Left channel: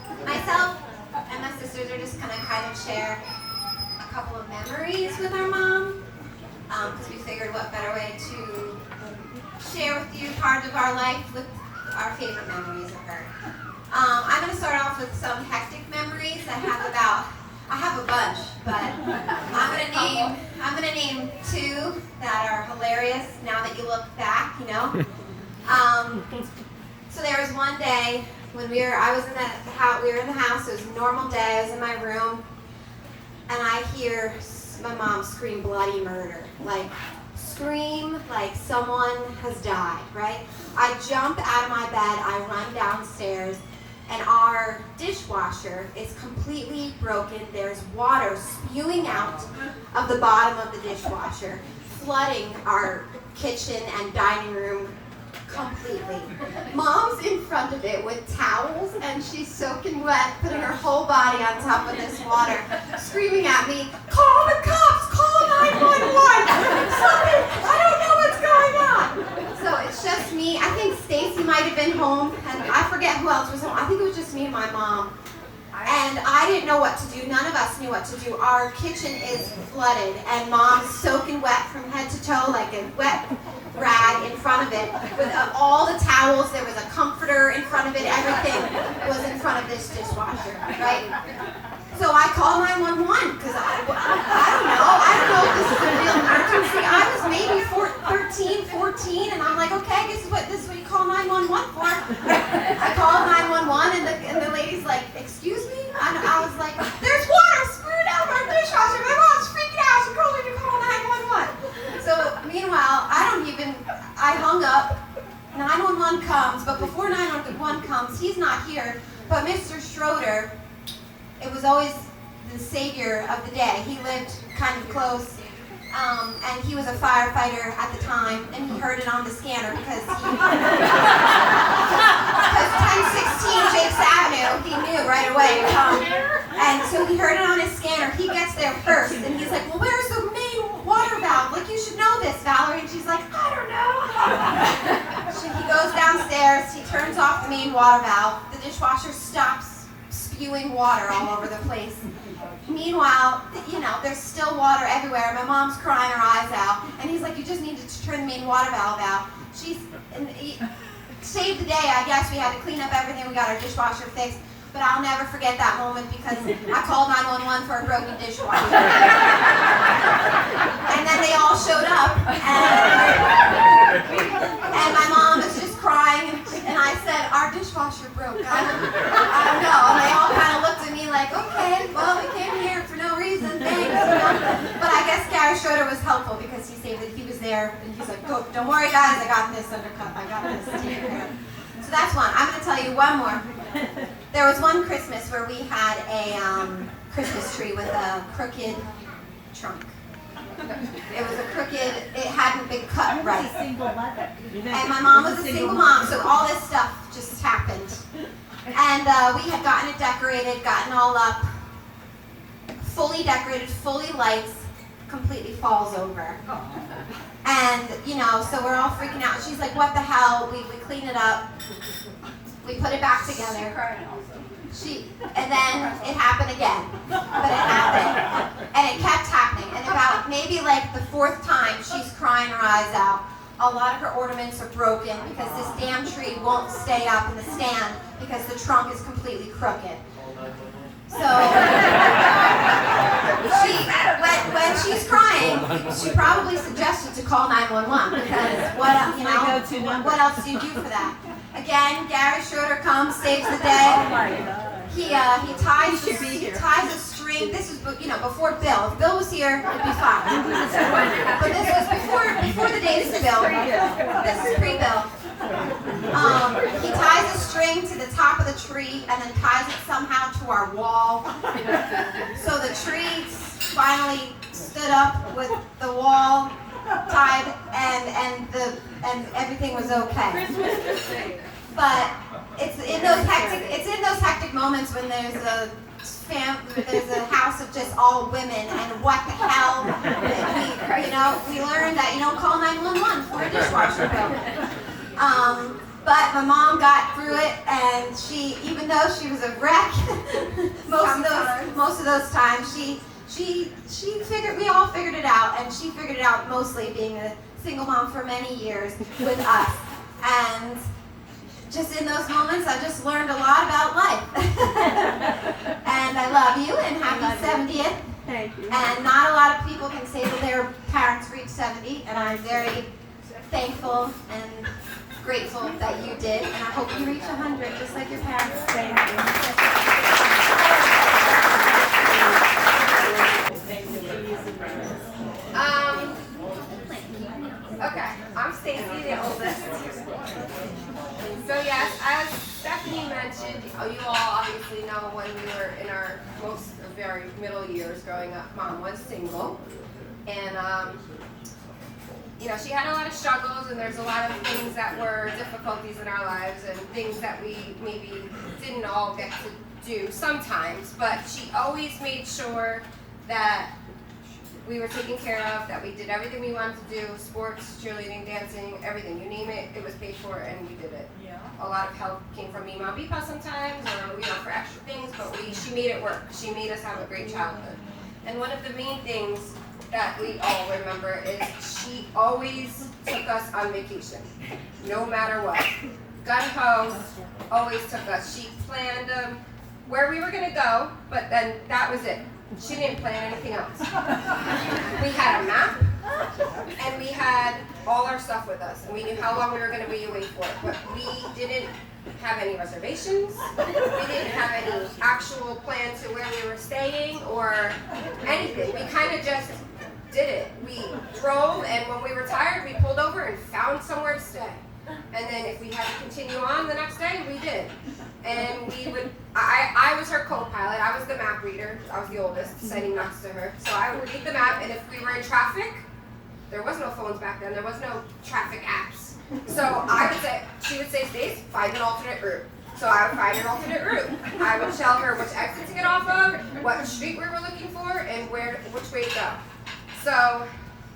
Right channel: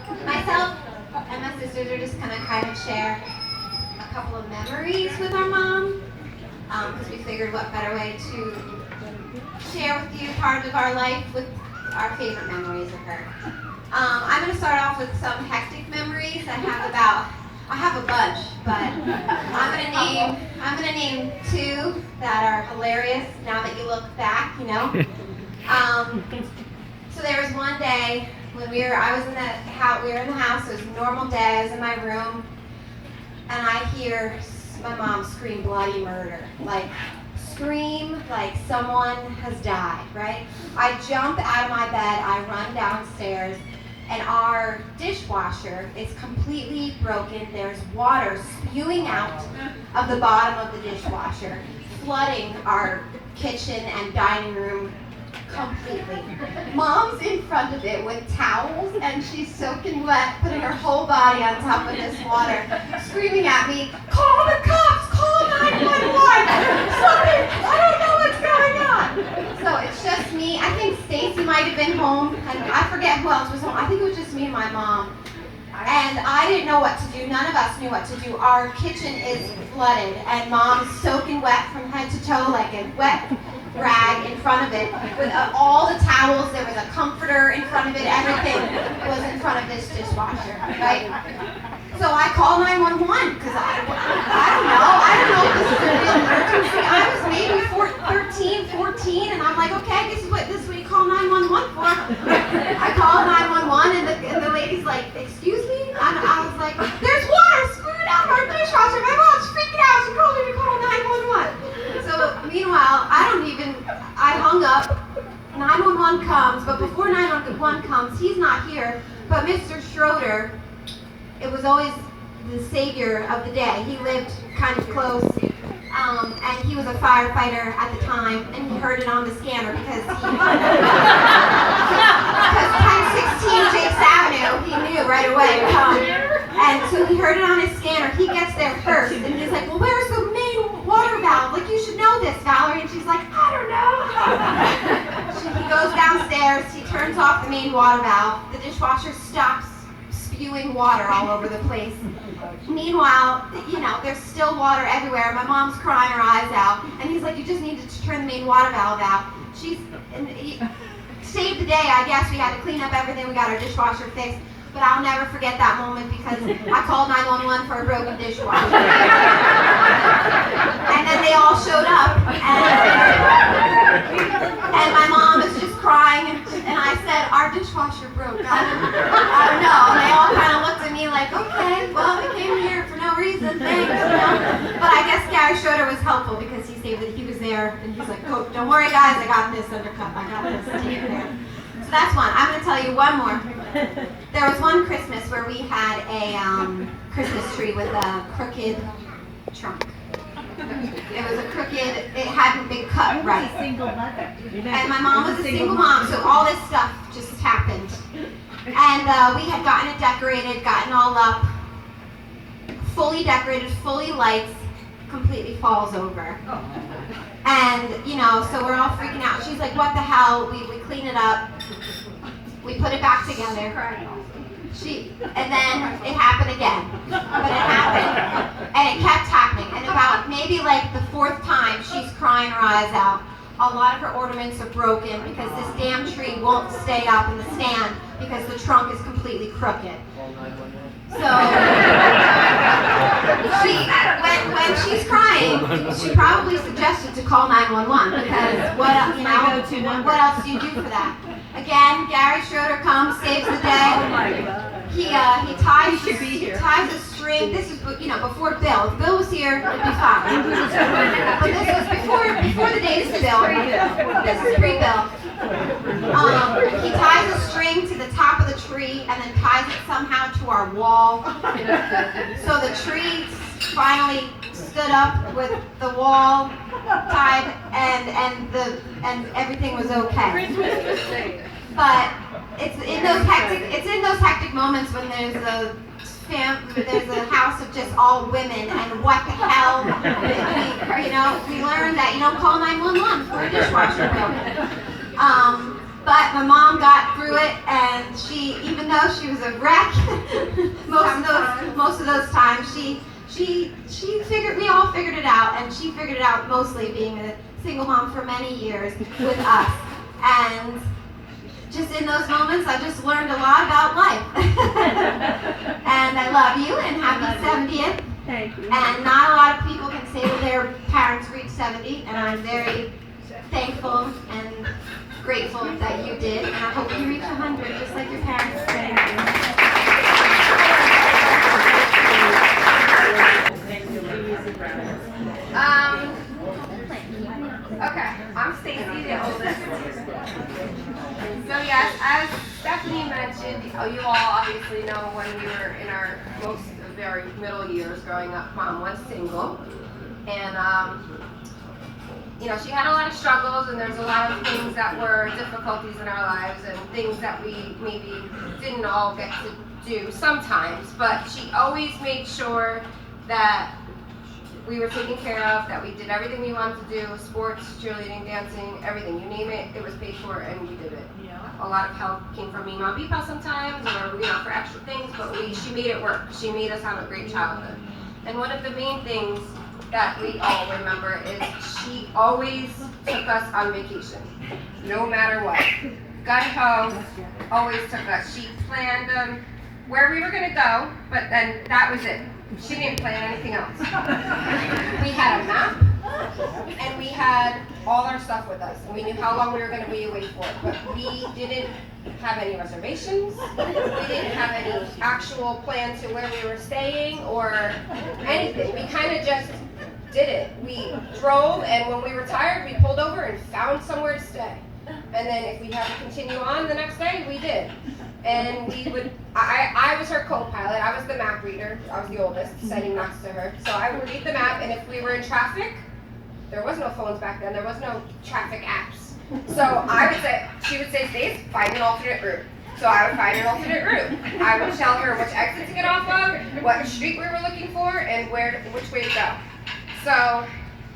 Myself and my sisters are just gonna kind of share a couple of memories with our mom, because we figured what better way to share with you part of our life with our favorite memories of her. I'm gonna start off with some hectic memories. I have a bunch, but I'm gonna name two that are hilarious now that you look back, you know. So there was one day when we were in the house. It was a normal day. I was in my room, and I hear my mom scream bloody murder, scream like someone has died, right? I jump out of my bed, I run downstairs, and our dishwasher is completely broken. There's water spewing out of the bottom of the dishwasher, flooding our kitchen and dining room completely. Mom's in front of it with towels, and she's soaking wet, putting her whole body on top of this water, screaming at me, "Call the cops! Call 911! Something! I don't know what's going on!" So it's just me. I think Stacy might have been home, and I forget who else was home. I think it was just me and my mom. And I didn't know what to do. None of us knew what to do. Our kitchen is flooded, and Mom's soaking wet from head to toe, like a wet rag in front of it, with all the towels. There was a comforter in front of it. Everything was in front of this dishwasher, right? So I called 911 because I don't know if this is a real emergency. I was maybe 13, 14, and I'm like, okay, this is what you call 911 for. I called 911, and the lady's like, excuse me? And I was like, there's water spewing out of our dishwasher. My mom's freaking out. She told me to call 911. So meanwhile, I hung up. 911 comes, but before 911 comes, he's not here, but Mr. Schroeder, it was always the savior of the day. He lived kind of close, and he was a firefighter at the time, and he heard it on the scanner because 1016 Jakes Avenue, he knew right away. And so he heard it on his scanner. He gets there first, and he's like, well, where's the main water valve? Like, you should know this, Valerie. And she's like, I don't know. He goes downstairs. He turns off the main water valve. The dishwasher stops spewing water all over the place. Meanwhile, there's still water everywhere. My mom's crying her eyes out, and he's like, you just need to turn the main water valve out. Saved the day, I guess. We had to clean up everything. We got our dishwasher fixed. But I'll never forget that moment because I called 911 for a broken dishwasher. And then they all showed up, and my mom was just crying, and I said, our dishwasher broke. I don't know. And they all kind of looked at me like, okay, well, we came here for no reason, thanks. But I guess Gary Schroeder was helpful because he saved it. He was there, and he's like, oh, don't worry, guys, I got this undercut. I got this. So that's one. I'm going to tell you one more. There was one Christmas where we had a Christmas tree with a crooked trunk. It was it hadn't been cut right. Single mother. And my mom was a single mom, so all this stuff just happened. And we had gotten it decorated, gotten all up, fully decorated, fully lights, completely falls over. And, so we're all freaking out. She's like, what the hell? We clean it up. We put it back together. And then it happened again. But it happened. And it kept happening. And about maybe the fourth time, she's crying her eyes out. A lot of her ornaments are broken because this damn tree won't stay up in the stand because the trunk is completely crooked. So when she's crying, she probably suggested to call 911 because what else do you do for that? Again, Gary Schroeder comes, saves the day. Oh my God. He ties a string. This is before Bill. If Bill was here, it'd be fine. But this was before the days of Bill. This is pre-Bill. He ties a string to the top of the tree and then ties it somehow to our wall. So the tree finally stood up with the wall tied and everything was okay. But it's in those hectic moments when there's a house of just all women and what the hell we learned that you don't call 911 for a dishwasher bill. But my mom got through it, and she, even though she was a wreck, most of those times, she figured, we all figured it out, and she figured it out mostly being a single mom for many years with us. And just in those moments, I just learned a lot about life. And I love you, and happy 70th. Thank you. And not a lot of people can say that their parents reached 70, and I'm very thankful and grateful that you did, and I hope you reach 100 just like your parents did. Okay, I'm Stacy, the oldest. So yes, as Stephanie mentioned, you all obviously know when we were in our very middle years growing up, Mom was single, and she had a lot of struggles, and there's a lot of things that were difficulties in our lives, and things that we maybe didn't all get to do sometimes, but she always made sure that we were taken care of, that we did everything we wanted to do, sports, cheerleading, dancing, everything. You name it, it was paid for, and we did it. Yeah. A lot of help came from me, Mom, Beepa sometimes, or for extra things, but she made it work. She made us have a great childhood. And one of the main things that we all remember is she always took us on vacation, no matter what. Gun-ho, always took us. She planned where we were going to go, but then that was it. She didn't plan anything else. We had a map, and we had all our stuff with us, and we knew how long we were going to be away for, but we didn't have any reservations. We didn't have any actual plan to where we were staying or anything. We kind of just did it. We drove, and when we were tired, we pulled over and found somewhere to stay. And then if we had to continue on the next day, we did. And we would, I was her co-pilot, I was the map reader, I was the oldest, sitting next to her. So I would read the map, and if we were in traffic, there was no phones back then, there was no traffic apps. So I would say, she would say, Stace, find an alternate route. So I would find an alternate route. I would tell her which exit to get off of, what street we were looking for, and which way to go. So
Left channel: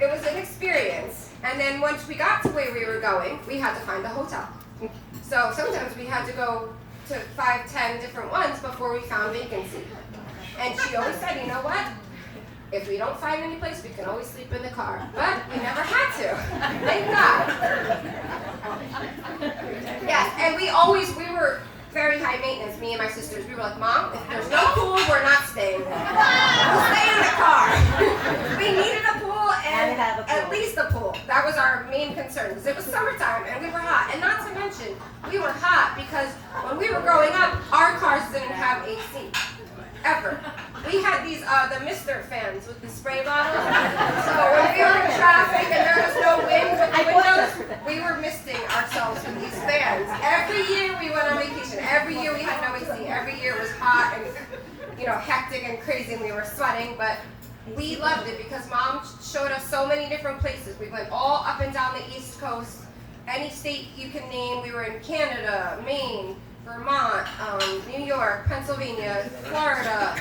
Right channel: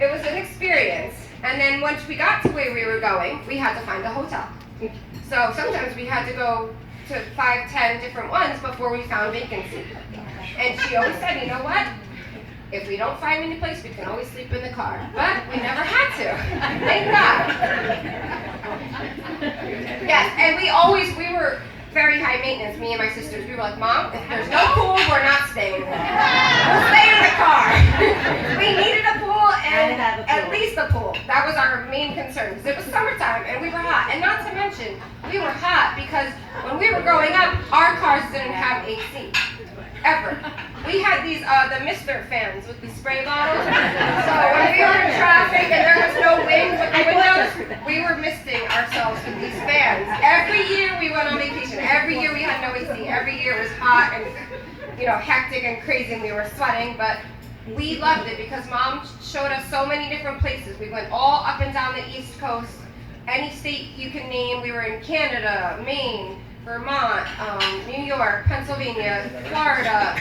it was an experience. And then once we got to where we were going, we had to find a hotel. So sometimes we had to go to 5, 10 different ones before we found vacancy. And she always said, you know what? If we don't find any place, we can always sleep in the car. But we never had to. Thank God. Yes, and we were very high maintenance, me and my sisters. We were like, Mom, if there's no pool, we're not staying there. We'll stay in the car. We needed a pool, and at least a pool. That was our main concern, because it was summertime, and we were hot. And not to mention, we were hot because when we were growing up, our cars didn't have AC. Ever. We had these, the Mr. fans with the spray bottles. So when we were in traffic and there was no wind with the windows, we were misting ourselves with these fans. Every year we went on vacation. Every year we had no AC. Every year it was hot and, hectic and crazy, and we were sweating, but we loved it because Mom showed us so many different places. We went all up and down the East Coast. Any state you can name. We were in Canada, Maine, Vermont, New York, Pennsylvania, Florida,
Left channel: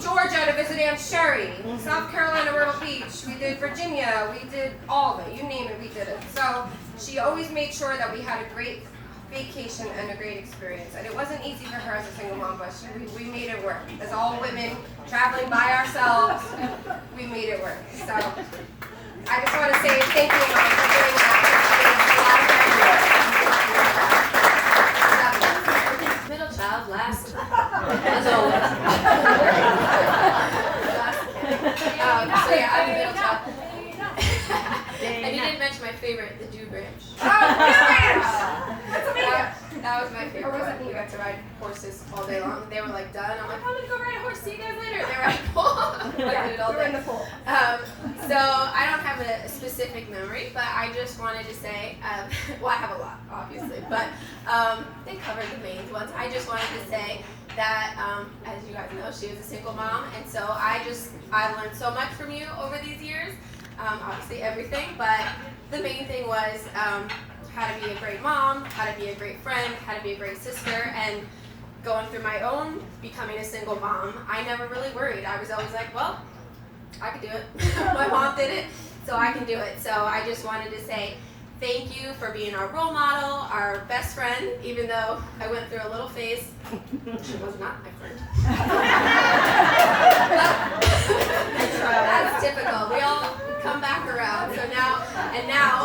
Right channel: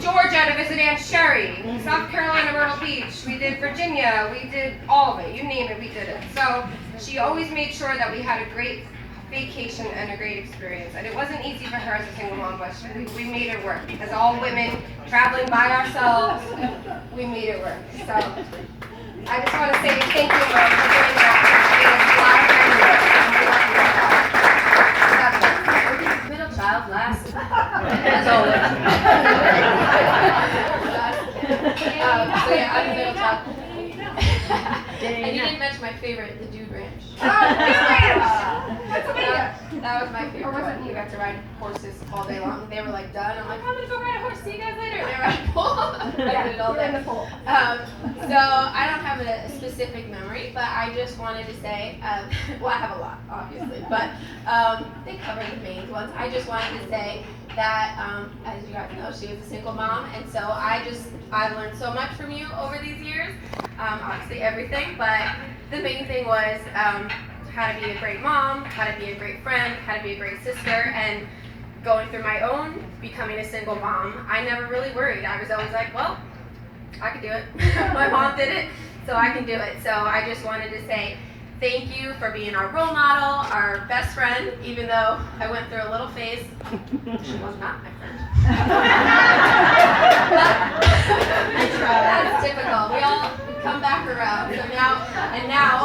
Georgia to visit Aunt Sherry, South Carolina, Myrtle Beach, we did Virginia, we did all of it, you name it, we did it. So she always made sure that we had a great vacation and a great experience. And it wasn't easy for her as a single mom, but we made it work. As all women traveling by ourselves, we made it work. So I just want to say thank you, Mom, for doing that. It was a lot of hard work. Middle child, last, as always. So yeah, I'm a middle child. And you didn't mention my favorite, the Dude Ranch. Oh, Dude Ranch! That was my favorite. Or was it me? You got to ride horses all day long. They were like done. I'm like, I'm gonna go ride a horse. See you guys later. They were at the pool. Yeah, we're in the pool. So I don't have a specific memory, but I just wanted to say, well, I have a lot, obviously, but they covered the main ones. I just wanted to say that, as you guys know, she was a single mom, and so I learned so much from you over these years. Obviously everything, but the main thing was how to be a great mom, how to be a great friend, how to be a great sister, and going through my own becoming a single mom, I never really worried. I was always like, well, I could do it. My mom did it, so I can do it. So I just wanted to say thank you for being our role model, our best friend, even though I went through a little phase. She was not my friend. I tried. That's typical. We all come back around. So now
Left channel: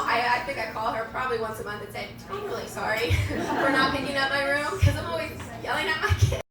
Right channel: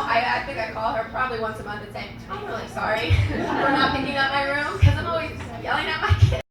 I think I call her probably once a month and say, I'm really sorry for not picking up my room because I'm always yelling at my kids.